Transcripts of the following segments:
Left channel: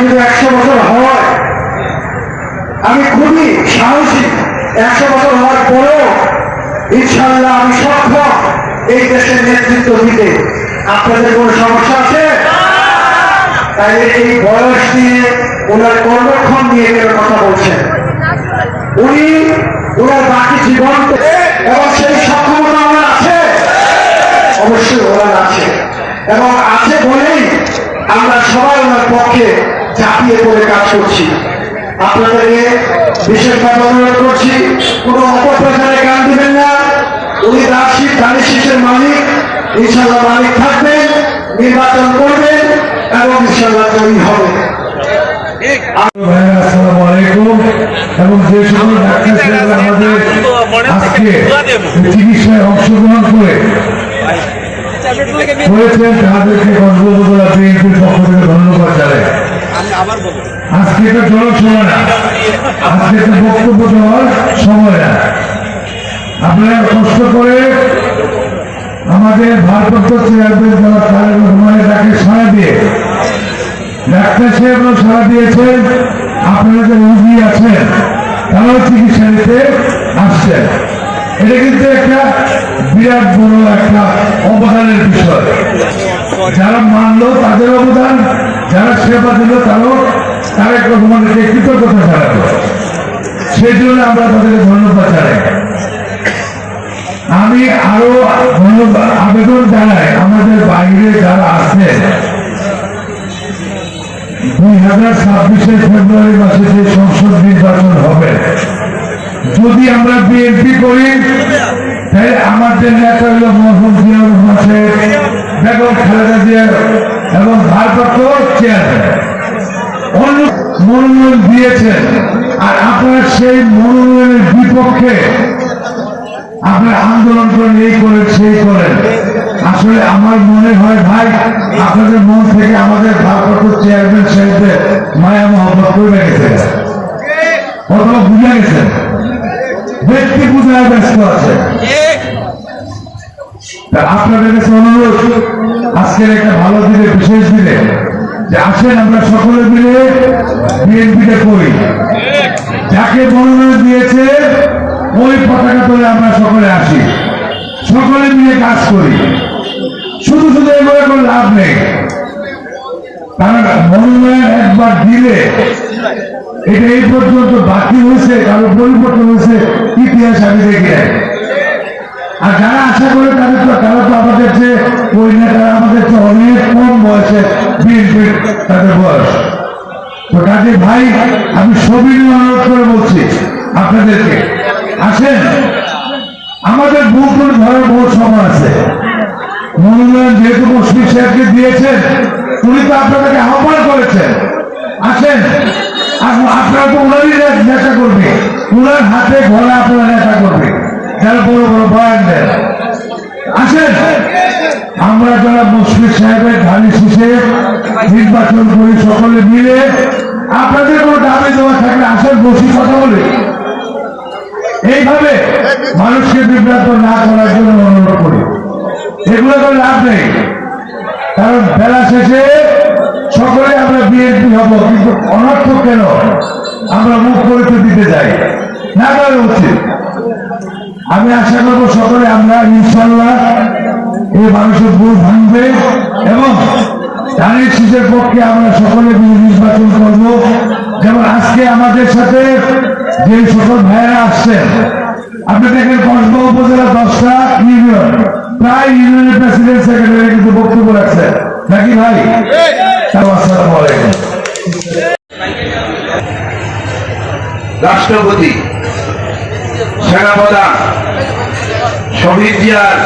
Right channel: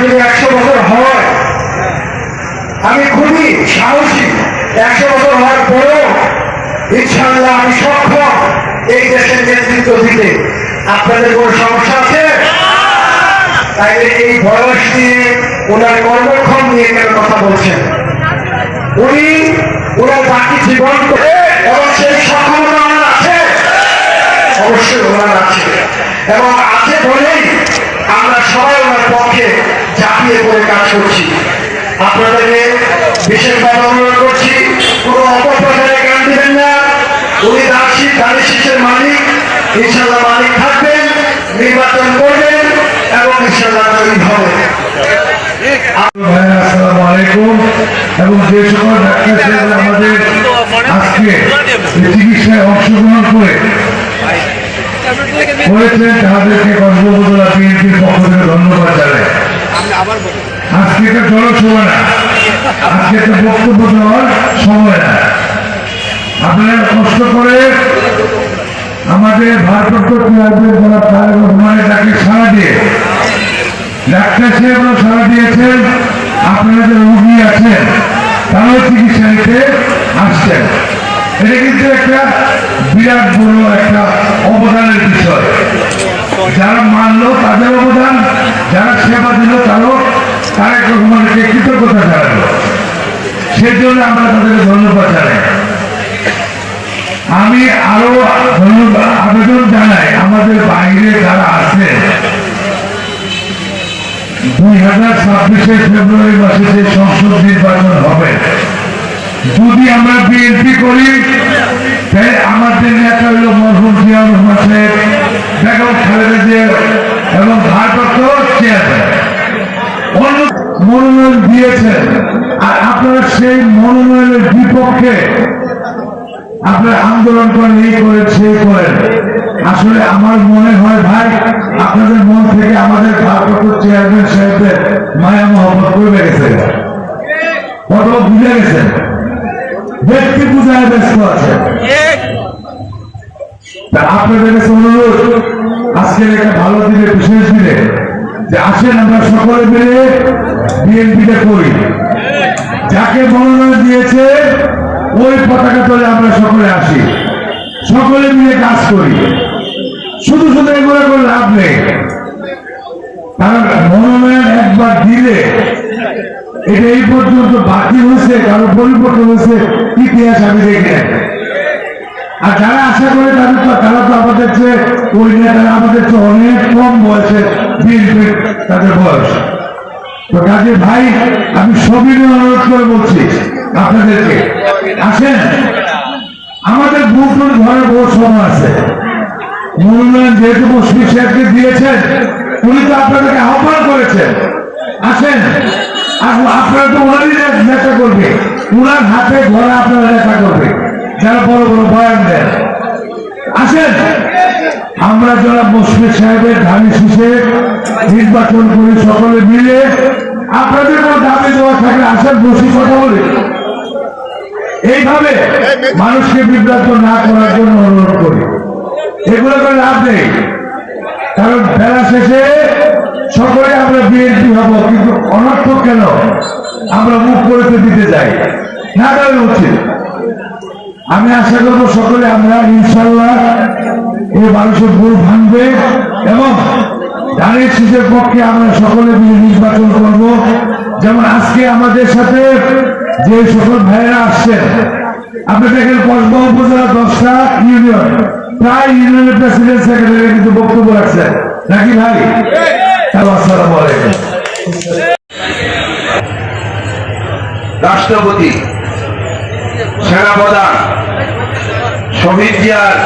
যদি 100 বছর হয়, আমি খুবই সাহসী। 100 বছর হওয়ার পরেও ইনশাআল্লাহ আমি সক্ষম এই দেশের নেতৃত্ব দিতে। আপনাদের কোনো সমস্যা আছে? তাইলে এই বয়স নিয়ে ওনার কর্মক্ষণ নিয়ে কথা বলছেন। ওনার বাকি জীবন এবং সেই সক্ষমতা ওনার আছে, অবশ্যই ওনার আছে, এবং আছে বলেই আমরা সবাই ওনার পক্ষে ঝাঁপিয়ে পড়ে কাজ করছি। আপনাদেরকে বিশেষভাবে অনুরোধ করছি, কোনো অপপ্রচারে গান দিবেন না। উনি ধানের শীষের মালিক, ইনশাল্লাহ মালিক থাকবেন, নির্বাচন করবেন এবং ইনশাল্লাহ তৈরি হবে। আসসালামু আলাইকুম। এবং যে সকল ডাক্তার আমাদের আজকে চিকিৎসায় অংশগ্রহণ করেছেন তাদেরকে কক্সবাজার বিএনপির পক্ষ থেকে ধন্যবাদ জানাই। আজকে একটা জনসভা না, আজকে একটা বক্তব্য দেওয়ার সময় না। আপনারা কষ্ট করে আমাদের ভারপ্রাপ্ত চেয়ারম্যান যারা তারেক রহমানের ডাকে সাড়া দিয়ে ডাক্তার সাহেবও সাড়া দিয়েছেন, আপনারা যে রোগী আছেন তারাও চিকিৎসা নিতে আসছেন। এটা কিন্তু একটা বিরাট বড় একটা অবদানের বিষয়। যারা মানলো তাদের অবদান, যারা সেবা দিল তারাও তারেক রহমানকে কৃতজ্ঞতা জানাবো। সেই জন্য আমরা তাদেরকে ধন্যবাদ জানাই। আমি আরো আবেদন জানাই আমাদের বাইরে যারা আছে, 2026 ফেব্রুয়ারি মাসে যে সংসদ নির্বাচন হবে, যদি আমরা বিএনপি করি তাই আমাদের নেতা হল মরহুম জিয়াউর রহমান সাহেব, বেগম খালেদা জিয়া এবং ভারপ্রাপ্ত চেয়ারম্যান মনোনয়ন দিয়েছেন। আর আপনারা সেই মনোনয়নের বিপক্ষে আপনারা আন্দোলন করেন, এই করেন সেই করেন। আসলে আমার মনে হয় ভাই, আপনাদের মন থেকে আমাদের ভারপ্রাপ্ত চেয়ারম্যান সাহেবের মায়া মহব্বত করে গেছে, কত বুঝে গেছে, ব্যক্তি পূজায় ব্যস্ত আছে। আপনাদের কাছে অনুরোধ, আজকের একটা ভালো দিনে, বিশেষ দিনে, যে আসেন আমরা সকলে মিলে বিএনপিতে করি। যাকে মনোনয়ন দিয়েছে ওই পতাকা তলে আমরা সকলে আসি, সকলে মিলে কাজ করি। শুধু শুধু এগুলো করে লাভ নেই, কারণ মনোনয়ন একবার দিলে এটা এই পর্যন্ত বাকি হয়েছে, কারো পরিবর্তন হয়েছে ইতিহাস আমি দেখি নাই। আর যারা আশা করে তারা তো আমাদের চেয়ে ওই নেতারা আমাদের চেয়ে অনেক কম বয়সে বিএনপির তাদের বয়স। তো কাজে ভাই, আমি সবিনয় অনুরোধ করে বলছি আপনাদেরকে, আসেন, আমাদের ভোট ঘরের ভোট সভা আছে। মনোনয়ন যেহেতু মুশফিক সাহেবকে দিয়েছেন, উনি তো আপনাদেরকে আহ্বান করেছেন, আসেন। আপনারা তো ওনারই নেতা করবে, ওনার হাতে ঘরে আপনারা নেতা করবে, যারা বড় বড় বয়ান দেন। আসেন, আমরা যারা মুশফিক সাহেবের ধানের শীষে নির্বাচন করি সকলে মিলে। আপনাদের কোনো দাবি দেওয়া থাকলে আসেন, বসে কথা বলে এইভাবে মানুষকে বিভ্রান্ত না করার জন্য অনুরোধ করি। এগুলো করে লাভ নেই, কারণ বেলা শেষে সকলে আমরা বিএনপি হব, কিন্তু অনর্থক কেন আমরা মুখ করতে দিতে যাই না, দেওয়া উচিত। আমি আশা করবো সকলে আমরা ইনশাল্লাহ এই মানুষের ভুল ভাঙবে এবং ধানের শীষের পক্ষে আমরা সকলে মিলে নির্বাচন করব। যেমন আজকে আমাদের সাথে যে সকল ভাইয়েরা আসছেন, আপনি দেখেন কসবা উপজেলা 10টা ইউনিয়ন, প্রায় ইউনিয়নের প্রেসিডেন্ট সেক্রেটারি কিন্তু বক্তব্য রাখছেন নাকি ভাই? আসসালামু আলাইকুম। রাষ্ট্রপতি, সেনাপ্রধান, শহীদ জিয়ার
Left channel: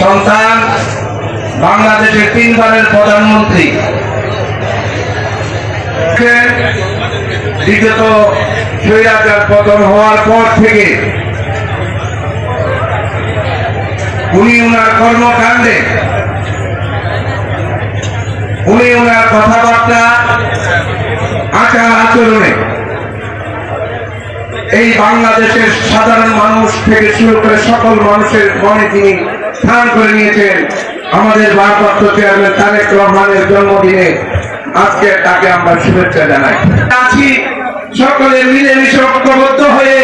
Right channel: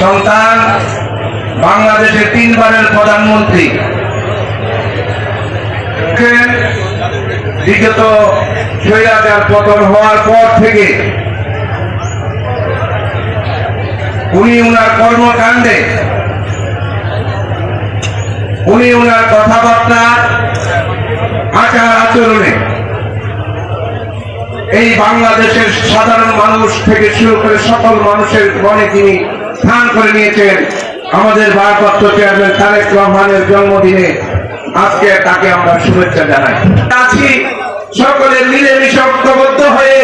সন্তান, বাংলাদেশের 3 বারের প্রধানমন্ত্রী, বিগত স্বৈরাচার পতন হওয়ার পর থেকে উনি ওনার কর্মকাণ্ডে, উনি ওনার কথাবার্তা, আচার আচরণে এই বাংলাদেশের সাধারণ মানুষ থেকে শুরু করে সকল মানুষের মনে তিনি স্থান করে নিয়েছেন। আমাদের ভারপ্রাপ্ত চেয়ারম্যান তারেক রহমানের জন্মদিনে আজকে তাকে আমরা শুভেচ্ছা জানাই। আছি সকলে মিলেমিশে ঐক্যবদ্ধ হয়ে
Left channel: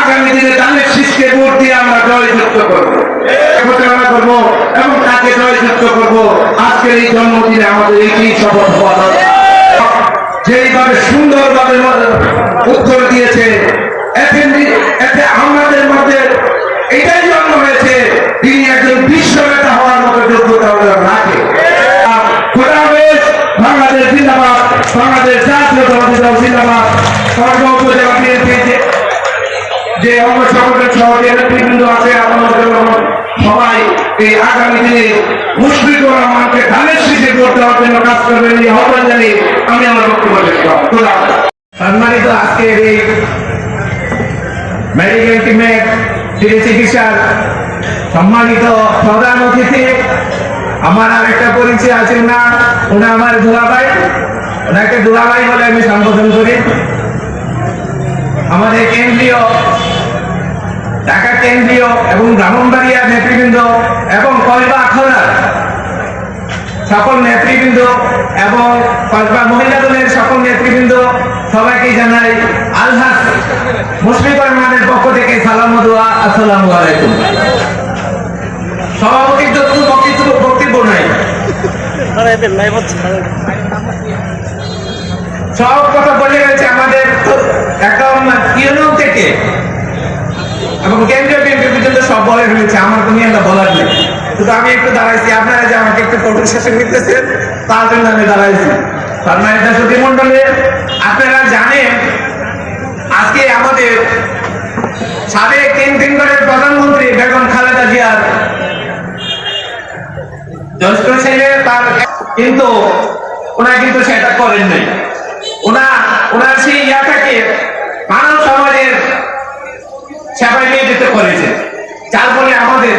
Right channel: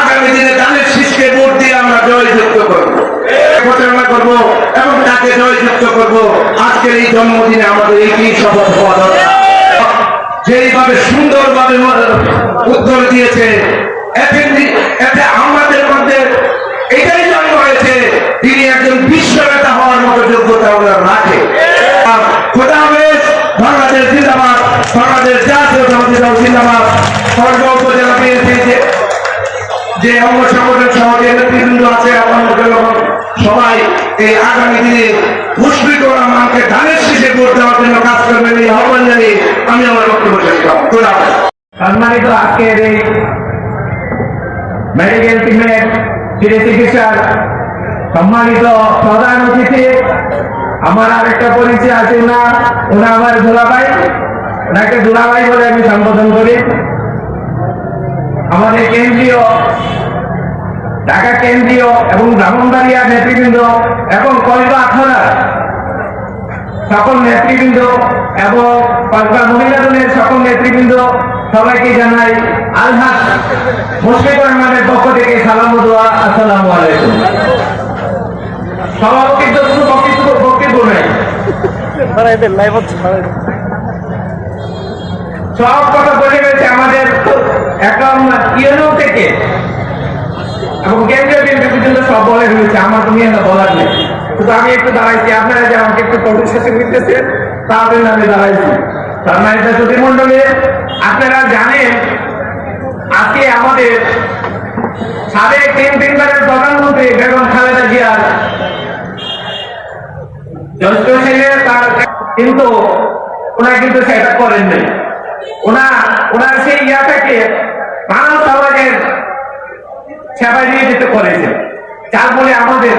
আগামী দিনে ধানের শীষকে ভোট দিয়ে আমরা জয়যুক্ত করবো, প্রচারণা করবো এবং তাকে জয়যুক্ত করবো। আজকের এই জন্মদিনে আমাদের এইটি শপথ হওয়া দরকার। যেইভাবে সুন্দরভাবে উত্তর দিয়েছে, এতে আমাদের মধ্যে এটাই জন্ম হয়েছে তিনি একজন বিশ্ব নেতা হওয়ার মতো যোগ্যতা আমরা রাখে। খোদা হাফেজ। বাংলাদেশ জিন্দাবাদ, বাংলাদেশ জাতীয়তাবাদী দল জিন্দাবাদ। সরকার উপজেলা পেয়েছে যে অঙ্গ সংগঠন সহ যে নেতৃবৃন্দ আছে আমাদের সবাই এই আগামী দিনে মুশফিকুর রহমানকে ধানের শীষে ভোট দেওয়ার জন্য কাজ করবেন এই আহ্বান জানিয়ে আমি আমার বক্তব্য শেষ করব। খোদা হাফেজ। সম্মানিত আজকের এই মেডিকেল টিমের চিকিৎসার সম্মানিত প্রধান অতিথি, আমার আরেকটা পরিচয় আছে ওনা আমার দুলাভাই, ওনাকে দুলাভাই বলে আমি সম্বোধন করি। আমাদের কেন্দ্রীয় ঢাকা কেন্দ্রীয় এবং ব্রাহ্মণবাড়িয়া নেতৃবৃন্দ এবং কলকা আখড়া সকল নেতৃবৃন্দ এবং কলকা মহিলা দলের সকল নেতৃবৃন্দ সবাইকে জানাই আলহাজ মুশফিকুর রহমানের পক্ষ থেকে সালাম ও দোয়া। আসসালামু আলাইকুম। সভাপতিত্ব কোনো বক্তব্য নাই, সব কথা বলে গেছে আমাদের একদম ইউনিয়ন থেকে এবং কেন্দ্রীয় বিএনপি পর্যন্ত সব বলে রয়েছে, আমার কোনো একটা বলার নেই। কিন্তু আমি একটু দাঁড়াইছি, আপনারা যে আমাকে একটু ফটো শেষে নিতেছেন তার জন্য আমি দাঁড়াইছি। সম্মানিত সুধী মন্ডলী, আপনারা জানেন আজকে আমাদের সাবেক তিনবারের প্রধানমন্ত্রী বেগম খালেদা জিয়ার জ্যেষ্ঠ ছেলে, তার কিন্তু ওনারা কিন্তু সেটা করেন নাই। ওনার সেই ইয়াটাকে মানব সমাজের সেবায় নিয়োজিত করেছে, যার ফলে আমাদের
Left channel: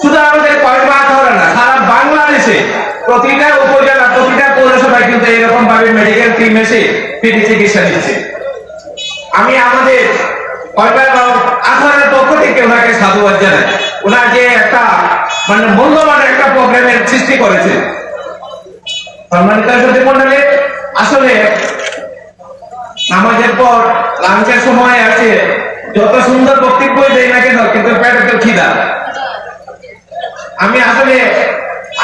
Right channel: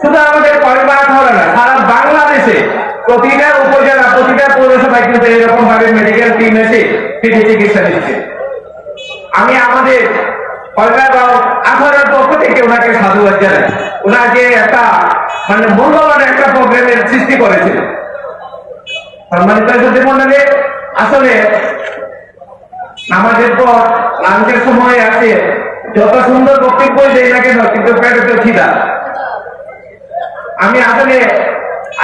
শুধু আমাদের কয়বার ধরে না, সারা বাংলাদেশে প্রতিটা উপজেলা প্রতিটা পৌরসভায় কিন্তু এরকম ভাবে মেডিকেল টিম এসে ফ্রি চিকিৎসা দিচ্ছে। আমি আমাদের আখড়ার পক্ষ থেকে ওনাকে সাধুবাদ জানাই। ওনার যে একটা মূল্যবান একটা প্রোগ্রামের সৃষ্টি করেছে। সম্মানিত সুধী মণ্ডলী, আসলে নামাজের পর লাঞ্চের সময় আছে, যত সুন্দর বক্তব্য দেয় না কেন কিন্তু পেটে তো খিদা। আমি আসলে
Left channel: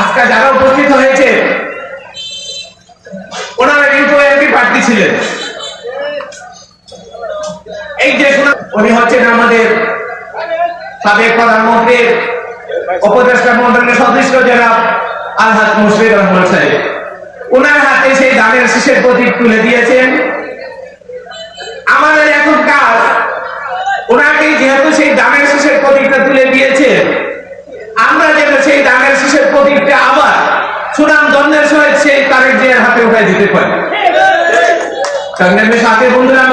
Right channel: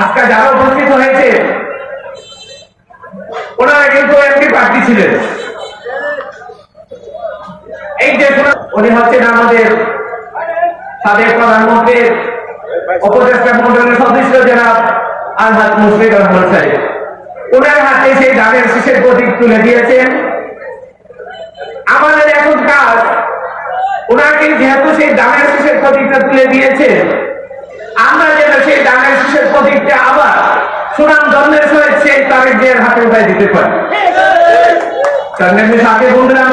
আজকে যারা উপস্থিত হয়েছে ওনারা কিন্তু এমপি প্রার্থী ছিলেন। এই যে উনি হচ্ছেন আমাদের সাবেক প্রধানমন্ত্রীর উপদেষ্টা মন্ডলের সদস্য জনাব আলহাজ মুশফিকুর রহমান সাহেব। ওনার হাতে সেই ধানের শীষের প্রতীক তুলে দিয়েছেন। আমাদের এখন কাজ, ওনাকে যেহেতু সেই ধানের শীষের প্রতীকটা তুলে দিয়েছে, আমরা যেন সেই ধানের শীষের প্রতীকটা আবার সুনাম ধন্যের সহিত সেই তারেক জিয়ার হাতে উঠাই দিতে পারি। সাথে বন্ধুরা